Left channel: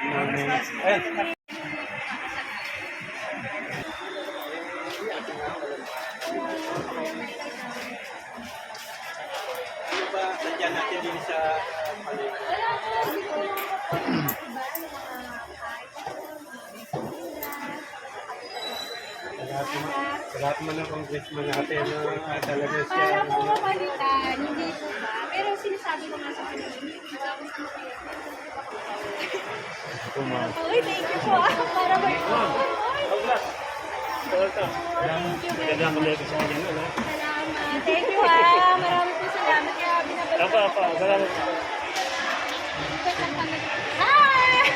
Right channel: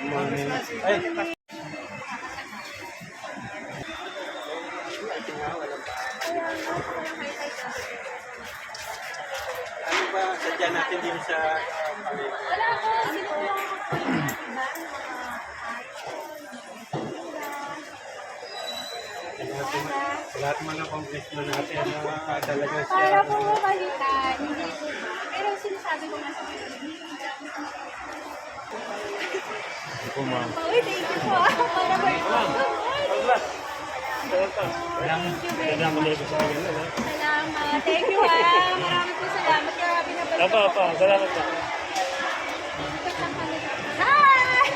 Morning. Ay. Ano ba sadya natin din sa palengke? Wala po, hindi ko lang ako iba, yung mga Sa lahat man ng congressman natin, talaga siya. para po mabalikan, hindi po ba? Pero sinasabi ko nga sa kanila, hindi ko ba? Po, ma'am. Uy, thank you po. Para ba ito? Salamat. Thank you ha. Marami po salamat. Kaya binabalik ko po. Salamat po. Hi!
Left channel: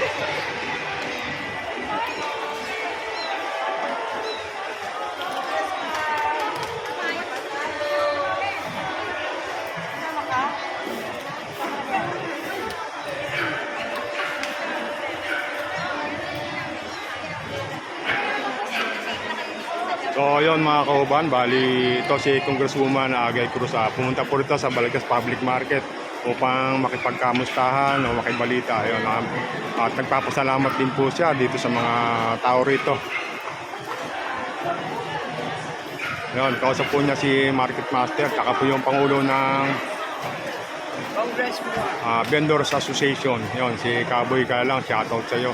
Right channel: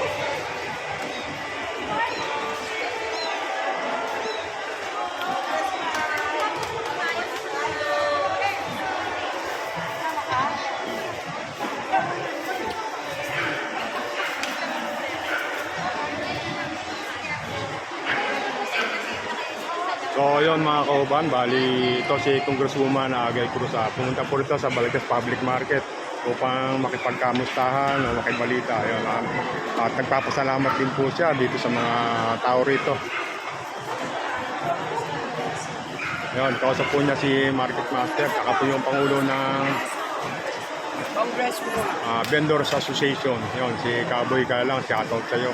So yun mga kauban, bali ito si Congresswoman Agay Cruz. Pumunta po rito sa Balagtas Public Market upang makipagkamustahan o makibalita. Ayun, at nagpapasalamat din po siya dito sa mga tao rito. Yun, kausap po niya si Market Master, saka po yung Pangulo ng Vendors Association. Yun, si Kaboy Kalang, shoutout sa'yo.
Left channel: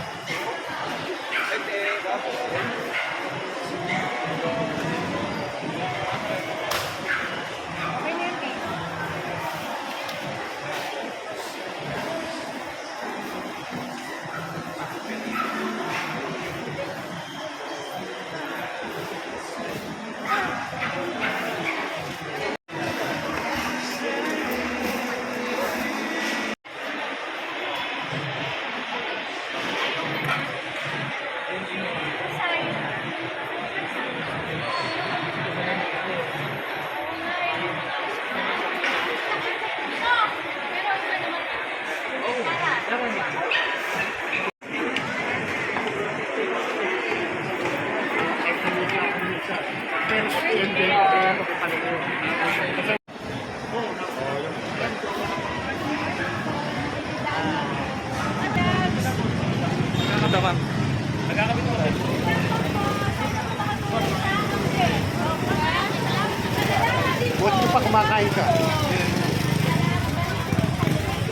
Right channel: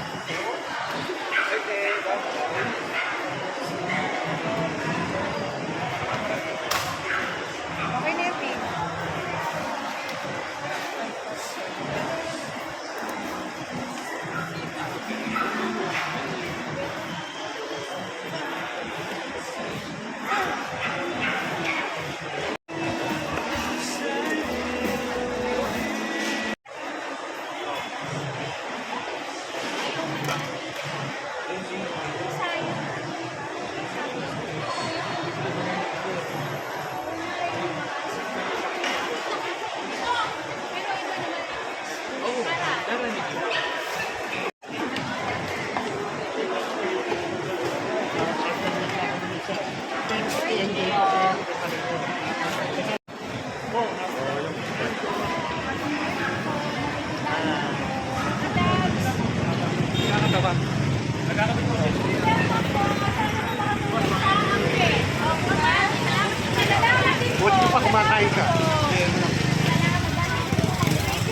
Buti pa kumakain ka.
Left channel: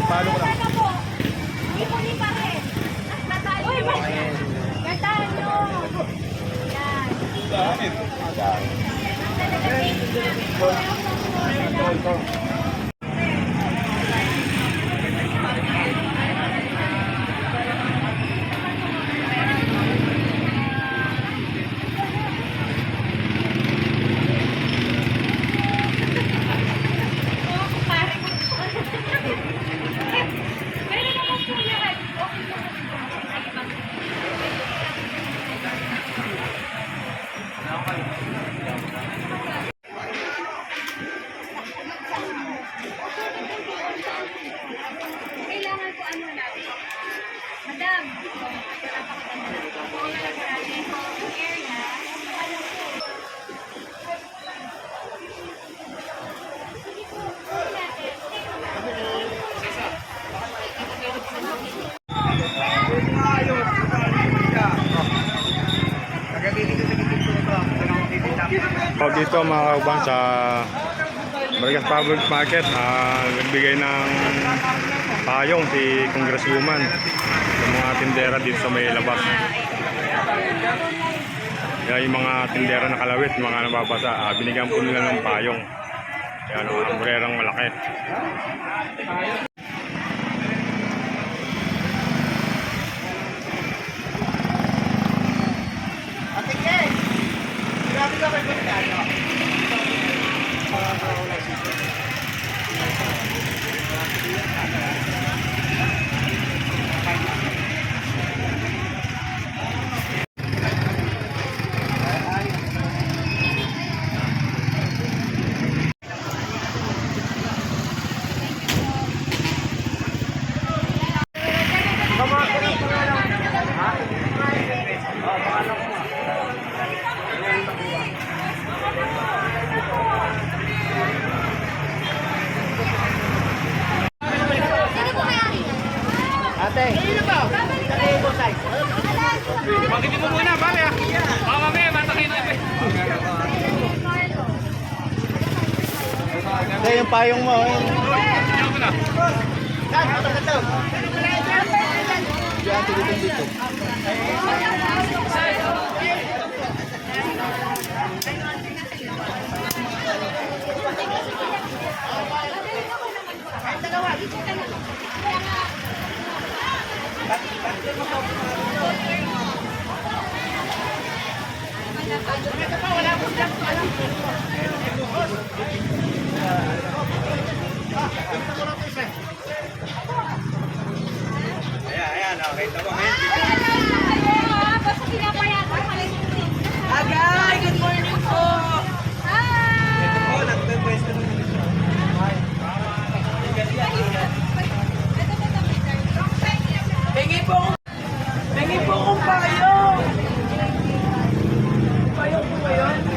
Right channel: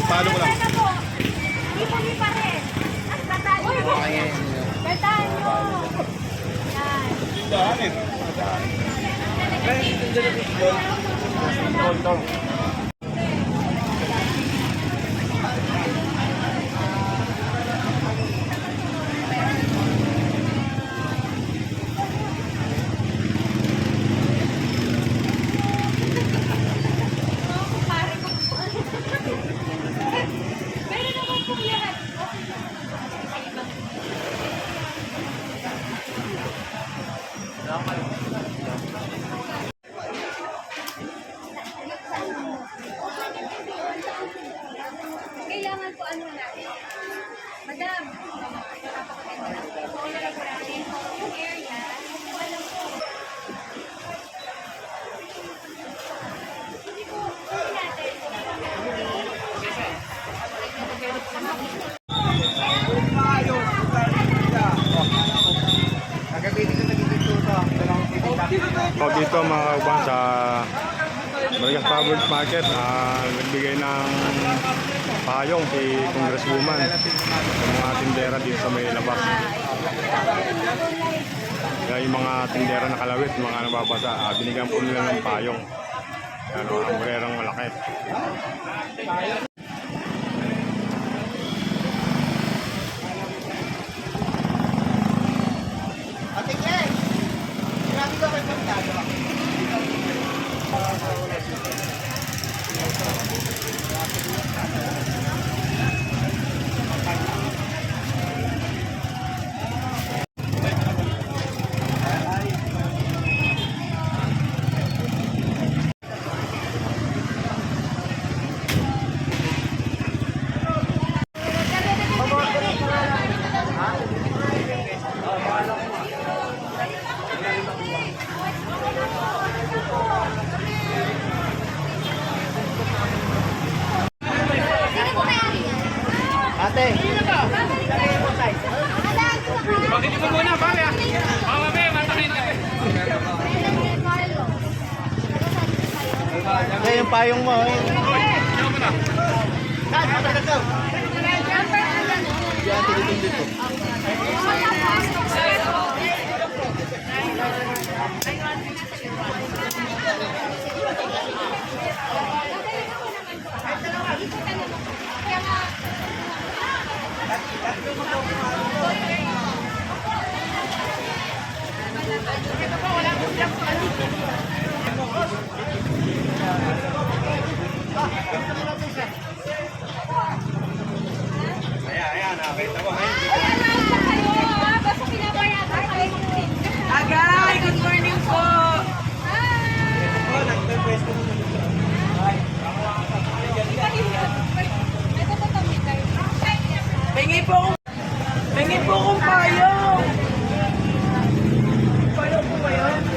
Paano ba? Hindi pa rin. Uy, gandaan nyo. Yan. Daanin. Meron naman po yan. Okay lang. Kailangan po ano natin. Madam, napakaganda lang. Kung nalagaranin po yung area, alam po. Hindi po, hindi natin. So dito mga kauban sa Balagtas Public Market, nagbigay ng payong si Congresswoman sa mga tindera dito sa may labas. Kaya yung mga tindera na kalawit, mga nababasa, binigyan po nila ng payong. Yan, umbrerang malaki. Ito yung payong mo. Diyan, tinitin dito. Ayan, nakita mo. Basta pinapayagan kayo ng tinda. Agay, good morning po. Oh, nagpe-pwesto na ulit siya. Ito ba ito, Peter? Pengi po akong payong. Payong po ba yun?